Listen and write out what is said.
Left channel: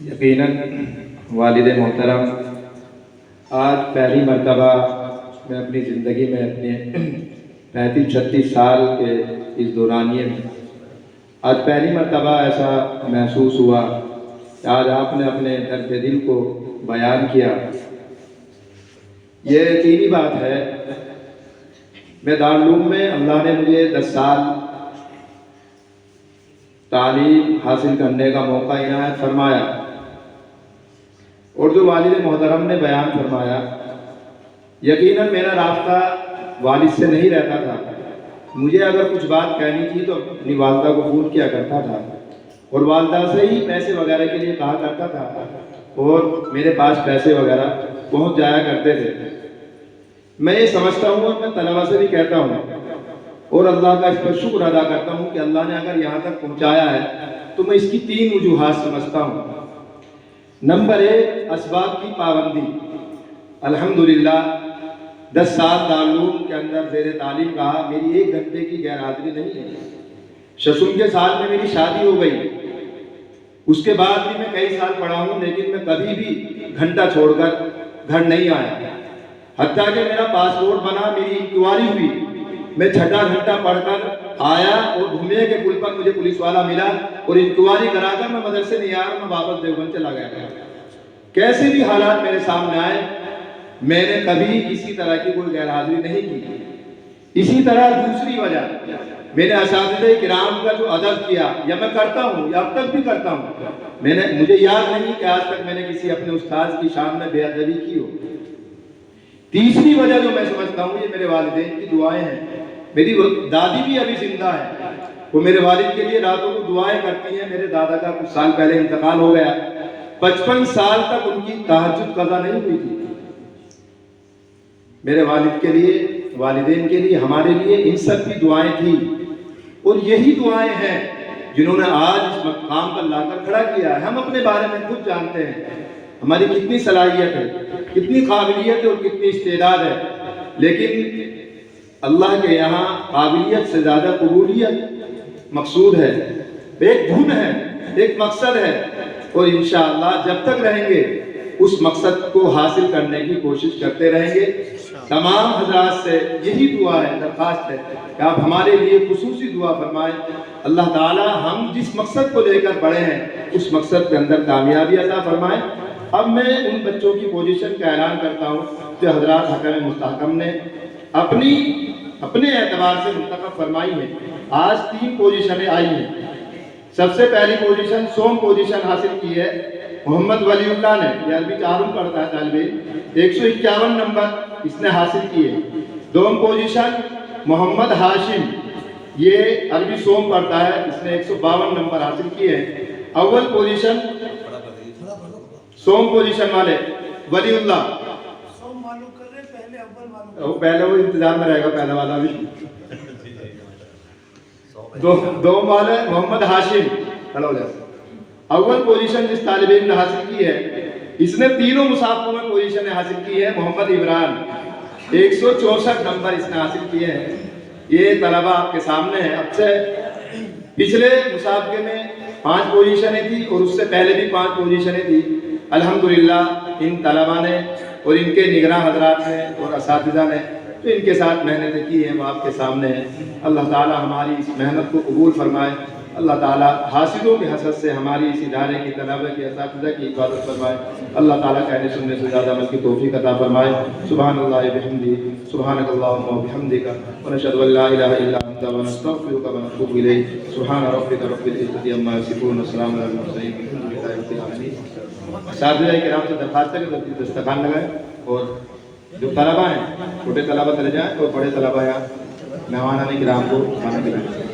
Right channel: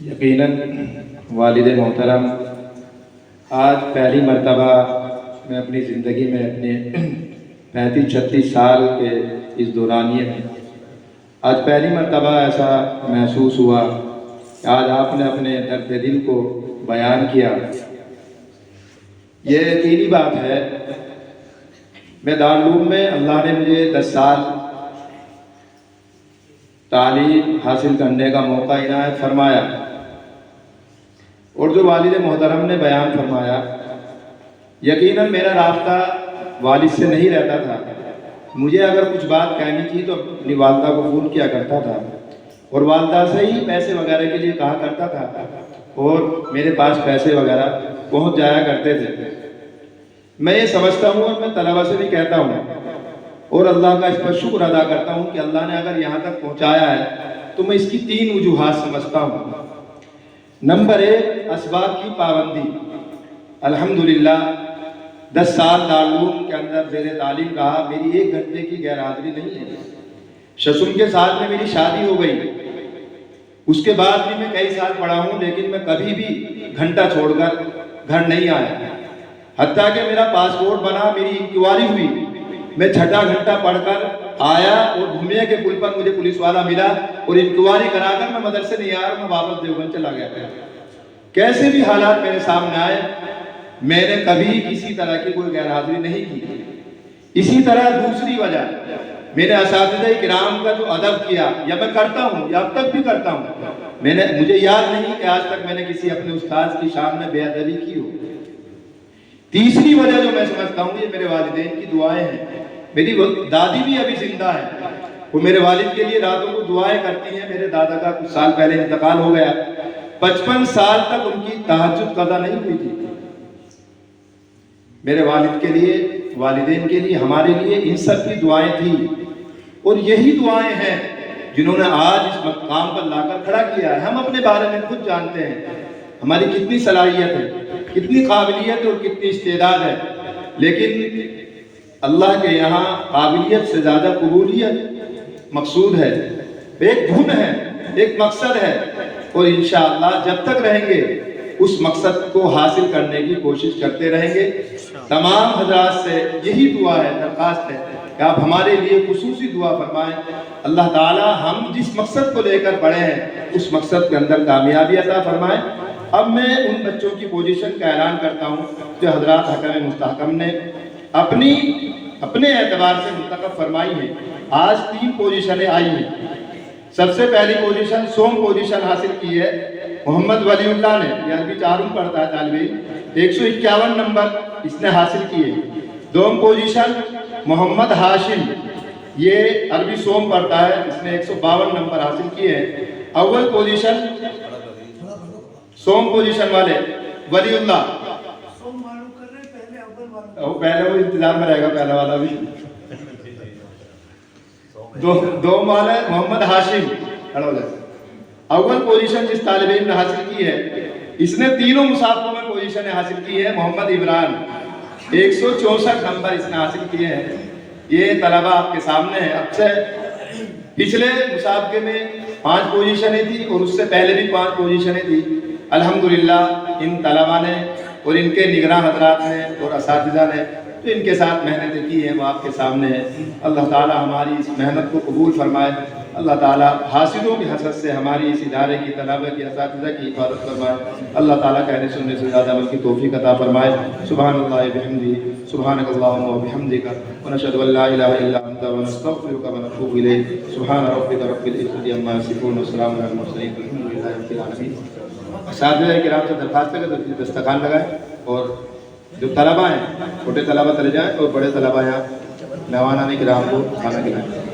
یقیناً والد محترم، آج پہلی مرتبہ میں اپنی زندگی میں اپنے 35-36 سال کے اس دورانیے میں آج پہلی مرتبہ ایسا محسوس ہوا کہ آج آپ نے اپنے درد دل کو بیان کیا۔ یہ یقینی بات ہے، میں دارالعلوم میں اللہ نے مجھے 10 سال تعلیم حاصل کرنے کا موقع عنایت فرمایا، اور جو والد محترم نے بیان فرمایا، یقیناً میرا رابطہ والد سے نہیں رہتا تھا۔ مجھے اگر کچھ بات کہنی تھی تو اپنی والدہ کو فون کیا کرتا تھا، اور والدہ سے ہی پیسے وغیرہ کے لیے کہا کرتا تھا، اور میرے پاس پیسے وغیرہ پہنچ جایا کرتے تھے۔ میں یہ سمجھتا ہوں اور میں طلبہ سے بھی کہتا ہوں اور اللہ کا اس پر شکر ادا کرتا ہوں کہ اللہ نے اگر یہاں تک پہنچایا ہے تو میں اس کی 3 وجوہات سمجھتا ہوں۔ نمبر 1، اسباب کی پابندی۔ الحمدللہ 10 سال دارالعلوم کے اندر زیر تعلیم رہا، میری 1 گھنٹے کی غیر حاضری نہیں ہے۔ 60 کے سال میں میری شادی ہو گئی، اس کے بعد بھی میں کئی سال پڑھا ہوں، لیکن میں کبھی بھی گھنٹہ چھوڑ کر گھر نہیں آیا۔ حتیٰ کہ میرا پاسپورٹ بنا، میری انکوائری ہوئی، میں 6واں گھنٹہ پڑھ کر آیا اور بھومیا کے پل پر مجھے پولیس والا ملا اور انکوائری کرا کر میں مدرسے نہیں آیا، میں واپس دیوبند چلا گیا تھا۔ کیسے بھی حالات میرے سامنے آئے، میں نے کبھی کسی طرح کی کوئی غیر حاضری نہیں کی۔ اسی طرح دوسری وجہ، میرے اساتذہ کرام کا جو ادب کیا، یا میں کرتا ہوں یا اب تک بھی کرتا ہوں، مجھے یاد نہیں کہ آج تک میں نے کسی اپنے استاد کی شان میں بے ادبی کی ہو۔ تیسری وجہ جو میں سمجھتا ہوں، یہ میرے والدین کی دعائیں ہیں۔ میری دادی بھی ابھی زندہ ہے، وہ میرے والد کے لیے راتوں کو دعائیں کرتی ہیں۔ میرے دادا کا کچھ سال پہلے انتقال ہو گیا، 55 سال تک ان کی تہجد قضا نہیں ہوئی تھی۔ میرے والد کے لیے، والدین کے لیے، ہمارے لیے ان سب کی دعائیں تھیں، اور یہی دعائیں ہیں جنہوں نے آج اس مقام پر لا کر کھڑا کیا ہے۔ ہم اپنے بارے میں خود جانتے ہیں ہماری کتنی صلاحیت ہے، کتنی قابلیت اور کتنی استعداد ہے، لیکن اللہ کے یہاں قابلیت سے زیادہ قبولیت مقصود ہے، ایک دھن ہے، ایک مقصد ہے، اور انشاءاللہ جب تک رہیں گے اس مقصد کو حاصل کرنے کی کوشش کرتے رہیں گے۔ تمام حضرات سے یہی دعا ہے، درخواست ہے کہ آپ ہمارے لیے خصوصی دعا فرمائیں۔ اللہ تعالی ہم جس مقصد کو لے کر بڑھے ہیں اس مقصد کے اندر کامیابی عطا فرمائیں۔ اب میں ان بچوں کی پوزیشن کا اعلان کرتا ہوں جو حضرات حکم مستحکم نے اپنے اعتبار سے منتخب فرمائی ہیں۔ آج 3 پوزیشنیں آئی ہیں۔ سب سے پہلی پوزیشن سوم پوزیشن حاصل کی ہے محمد ولی اللہ نے، یہ عربی 4 پڑھتا ہے طالب علم، 151 نمبر اس نے حاصل کیے۔ دوم پوزیشن محمد ہاشم، یہ عربی سوم پڑھتا ہے، اس نے 152 نمبر حاصل کیے ہیں۔ اول پوزیشن سوم پوزیشن والے ولی اللہ، پہلے وہ انتظار میں رہے گا، پہلا والا بھی۔ دوم والے محمد ہاشم، اول پوزیشن جس طالب علم نے حاصل کی ہے، اس نے تینوں مسابقوں میں پوزیشن حاصل کی ہے، محمد عمران، 164 نمبر اس نے حاصل کیے ہیں۔ یہ طلبہ آپ کے سامنے ہے۔ اب سے پچھلے مسابقے میں 5 پوزیشنیں تھی اور اس سے پہلے بھی 5 پوزیشنیں تھی۔ الحمدللہ ان طلبہ نے اور ان کے نگراں حضرات نے اور اساتذہ نے جو ان کے ساتھ محنتیں کی ہیں وہ آپ کے سامنے ہیں۔ اللہ تعالی ہماری اس محنت کو قبول فرمائے۔ اللہ تعالیٰ حاسدوں کی حسد سے ہماری اس ادارے کی، طلبہ کی، اساتذہ کی حفاظت فرمائے۔ اللہ تعالیٰ کہنے سننے سے زیادہ عمل کی توفیق عطا فرمائے۔ سبحان اللہ بحمدہ، سبحانک اللہم وبحمدک، ونشہد ان لا الہ الا انت، ونستغفرک ونتوب الیک۔ سبحان ربک رب العزۃ عما یصفون، وسلام علی المرسلین، والحمد للہ رب العالمین۔ اساتذہ کرام سے درخواست ہے کہ دسترخوان لگائیں، اور جو طلبہ ہیں چھوٹے طلبہ چلے جائیں اور بڑے طلبہ یہاں مہمانان کرام کو کھانا کھلائیں۔